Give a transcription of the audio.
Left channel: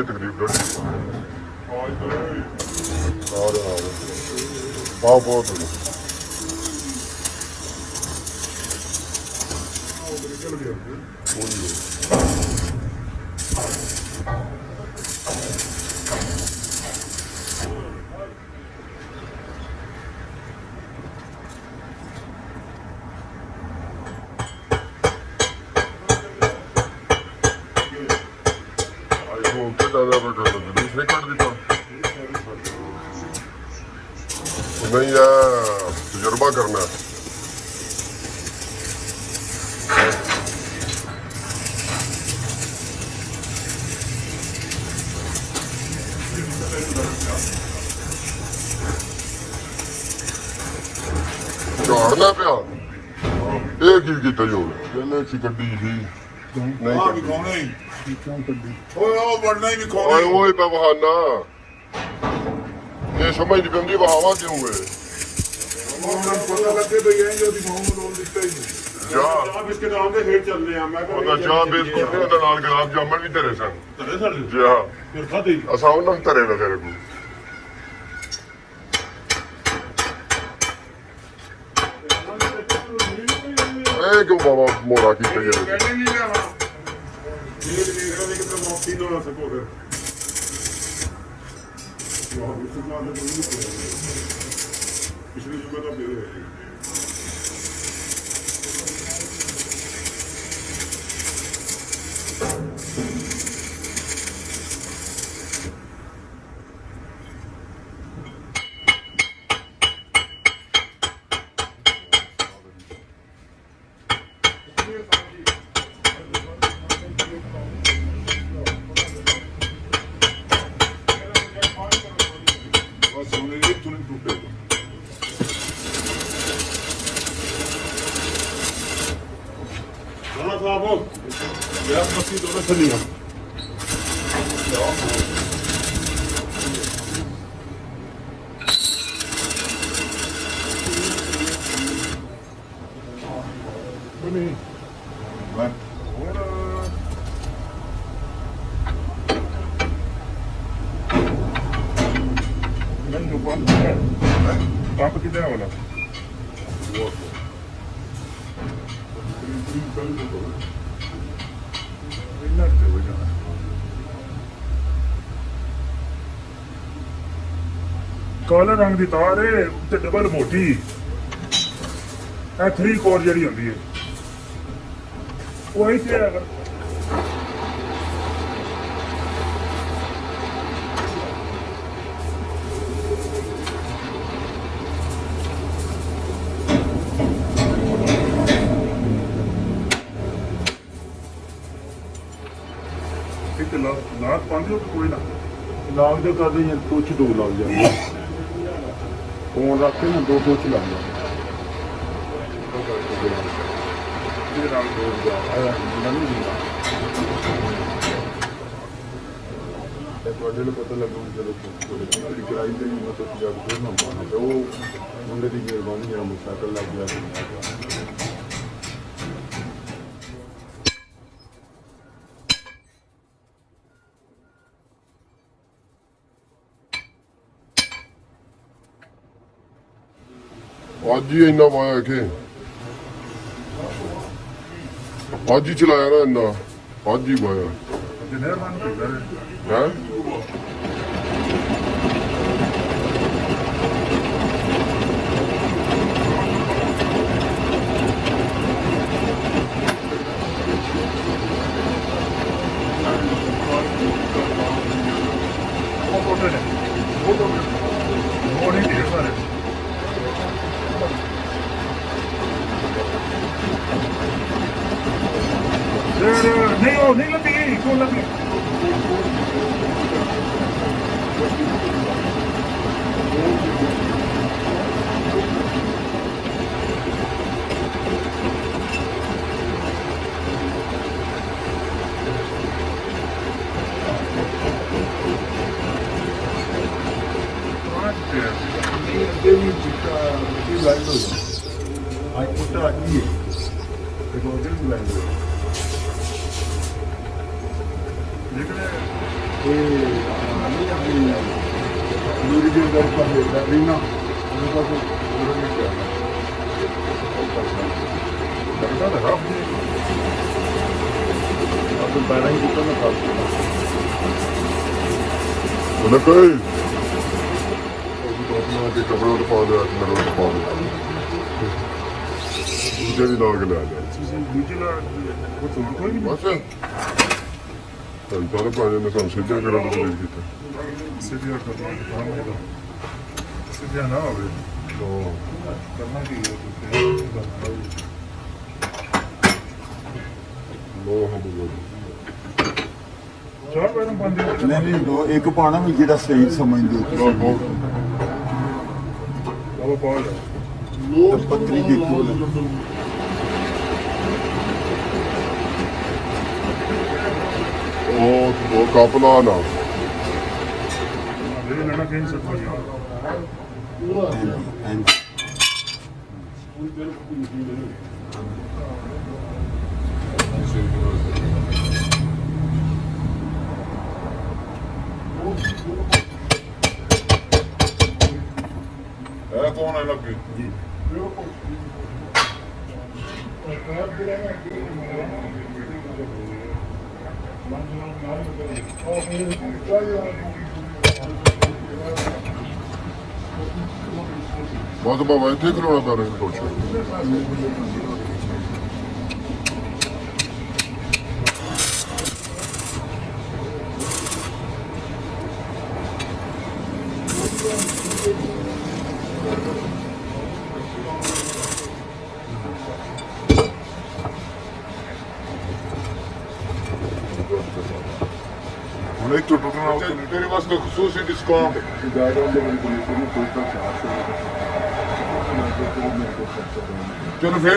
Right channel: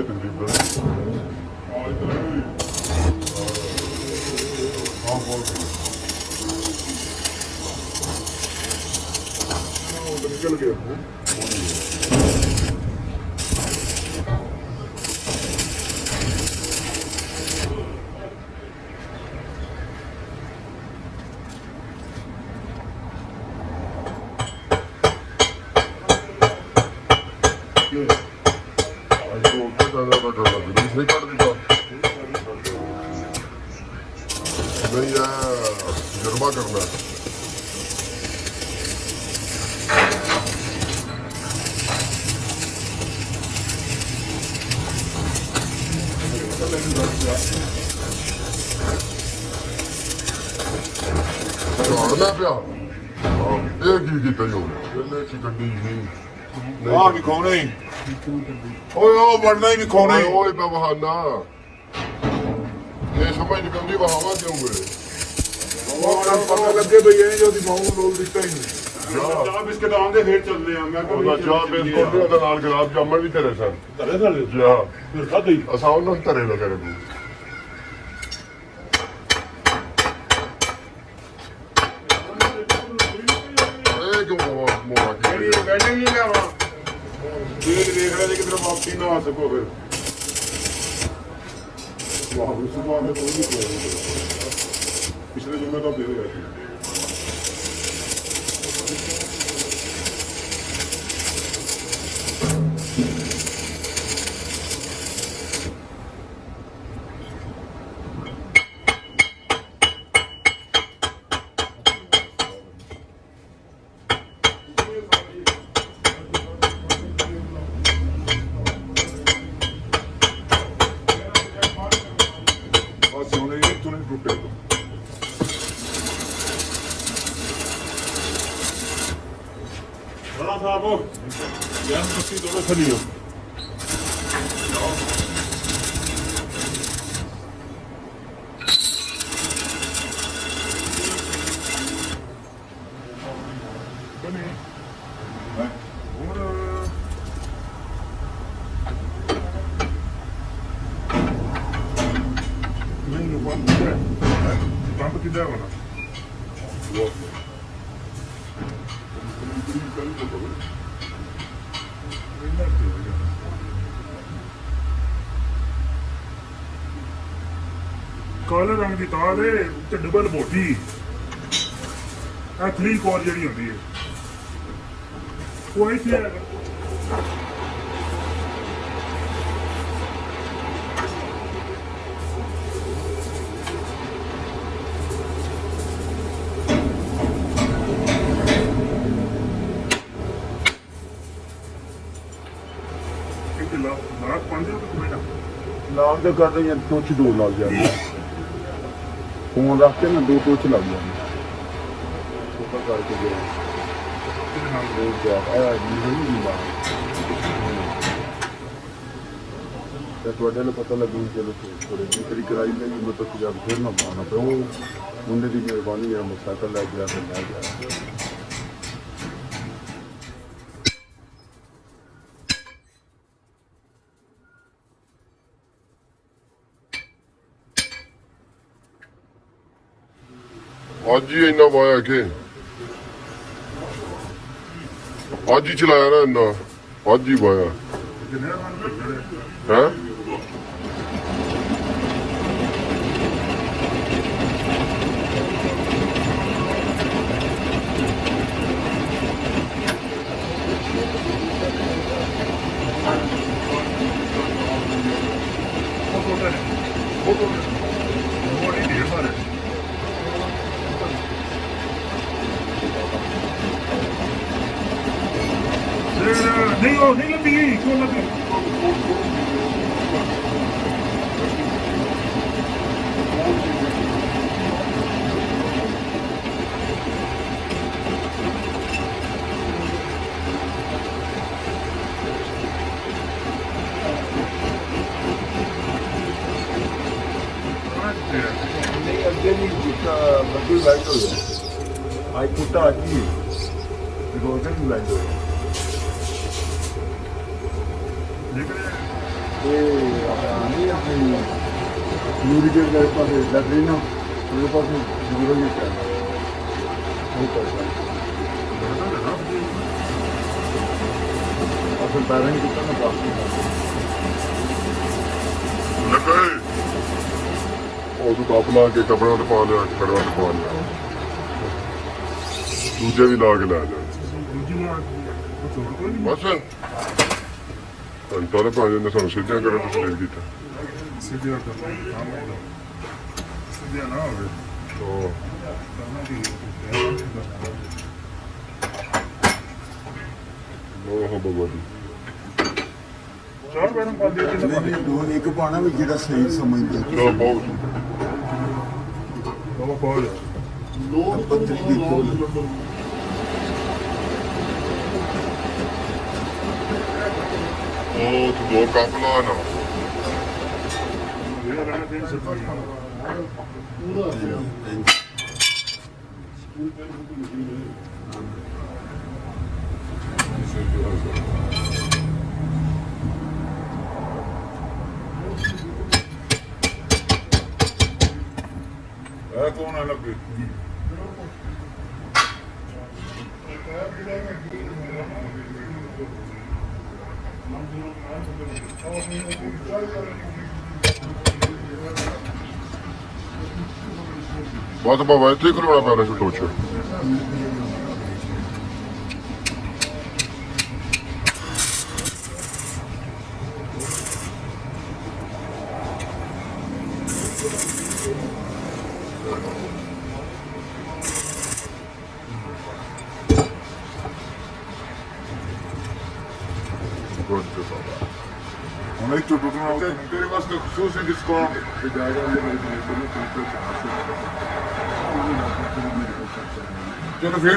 है तकरीबन हाँ बहुत निकल गया नहीं काट देता नहीं तजुर्बा करना है झाड़ना पिया ये की किता जो पहले ची कड्डी जी नहीं आ की कौने ओए ओ बढ़ना ही नहीं खोने ओए पे बहाना ये समझ नहीं पौंदी बहावा क्यों है वो нам पता लगे तो ये जो दी माऊ लोग दिखते ही जा इसके नाम दे हेड चल रहे हैं मैं को जा बिस्कुट दे नाल गुलाब जामुन भी तेरे सन तेरे नाल जा फिर खा दे असा उन्हों तेरे ना तेरे को ए क्यों बाबा मोड़ा की चाहिए पहले नहीं लेवा देख रहे थे कि तेरा वापसी ना आ सको फिर पिछले जुम्मे का दे रहे Papo que deu, né? ਕਾਲੇ ਰੰਗ ਦੀ ਤਾਰ ਹੈ ਤੇ ਡਬਲ ਮੋਟੀ ਇਹ 3/4 ਜਿਹੜੀ ਹੁੰਦੀ ਹੈ ਉਹ ਇੱਥੇ ਹੈ ਨਾਕ ਪਾਉਂਦੇ ਹੋ ਕੋਈ ਨਾ ਨਾਮ ਜੋ ਕਰਦੇ ਜਾਂ ਕੁਛ ਦੋ ਲੱਗ ਜਾਂਦੇ ਫੋਨ ਰੱਖ ਕੇ ਨਾ ਦੂਰ ਤੋਂ ਚਲਾ ਦਿੰਦੇ ਉੱਪਰ ਕਰਕੇ ਗਏ ਜਿਹਦੇ ਨਾਲ ਦੋ ਗਿਆ ਨਹੀਂ ਦਿੰਦਾ ਤਾਂ ਤੁਹਾਡੇ ਨੂੰ ਪਤਾ ਲੱਗੂ ਚਲੋ ਥੋੜੇ ਜਿਹੀ ਕਰਾਈ ਦੇ ਨੂੰ ਤਾਂ ਤੁਸੀਂ ਫਿਰ ਨਾ ਪਾਣਾ ਪਰ ਉਹ ਉਹਨੇ ਦੀ ਵੀ ਬਾਣੀ ਆ ਮੋਟਰਸਾਈਕਲ ਲੈ ਗਿਆ ਅੱਜ ਹੀ ਇੰਨਾ ਪਾਇਆ ਕਿ ਅੱਜ ਹੀ ਚਲਾਇਆ ਨਾ ਇੰਨਾ ਅੱਜ ਹੀ ਪਾਇਆ ਹੈ नहीं लगी क्यों लगी लाइट हो गया आज मोटा आती है लाइट हो गया लेकिन ये ਮੇਰੀ ਜਿਹੜੀ ਗੱਲ ਕਰ ਰਹੀ ਨਾ ਉਹ ਤਾਂ ਉਹਨਾਂ ਨੇ ਕਿਹਾ ਕੋਈ ਪਤਾ ਨਹੀਂ ਉਹ ਪੈਰਾਂ ਹੀ ਕਿਤੋਂ ਨਾ ਪ੍ਰਾਪਤ ਲੱਗੇ ਉਹ ਤੋਂ ਆਪਣਾ ਕੇ ਕਬਰਾਂ ਤੇ ਪਾ ਲਿਆ ਕਬਰਾਂ ਤੇ ਪਾ ਲਿਆ ਦੂਜੇ ਵੀ ਲਾ ਕੇ ਲੈ ਜਾ ਦੂਜੇ ਨਾਲ ਕੁਝ ਹੋਰ ਕੋਈ ਨਹੀਂ ਬਸ ਤਾਂ ਪਾਣੀ ਨੇ ਸਾਨੂੰ ਸਿੱਧਿਆ ਕਰਨ ਤੋਂ ਲੈ ਦਿੱਤਾ ਸਿੱਧਿਆ ਸਿੱਧਿਆ ਨਾ ਹੋਵੇ ਉਹ ਕਰਨਾ ਕੀ ਹੈ ਉਹ ਬਾਬਾ ਚਾਰ ਮੈਡਮ ਬੰਦੇ ਨਹੀਂ ਦੋ ਇੱਕ ਪਾਣਾ ਵੀ ਜਿਹੜਾ ਸਹੀ ਸਮਝਦੀ ਲੋ ਬਹੁਤ ਲੋ ਪਾਉ ਲੋ ਪੱਤਰੀ ਦੀ ਕੋਲ ਉਹ ਕਾਫਲਾ ਨਾ ਇਹਨਾਂ ਨੇ ਕਿਹਾ ਸੀ ਪੂਰਾ कौन है लगे बहुत बाबा इतने करोड़ा पैर से सोच तेरे वास्ते खसूसी डिस्काउंट चलो फिर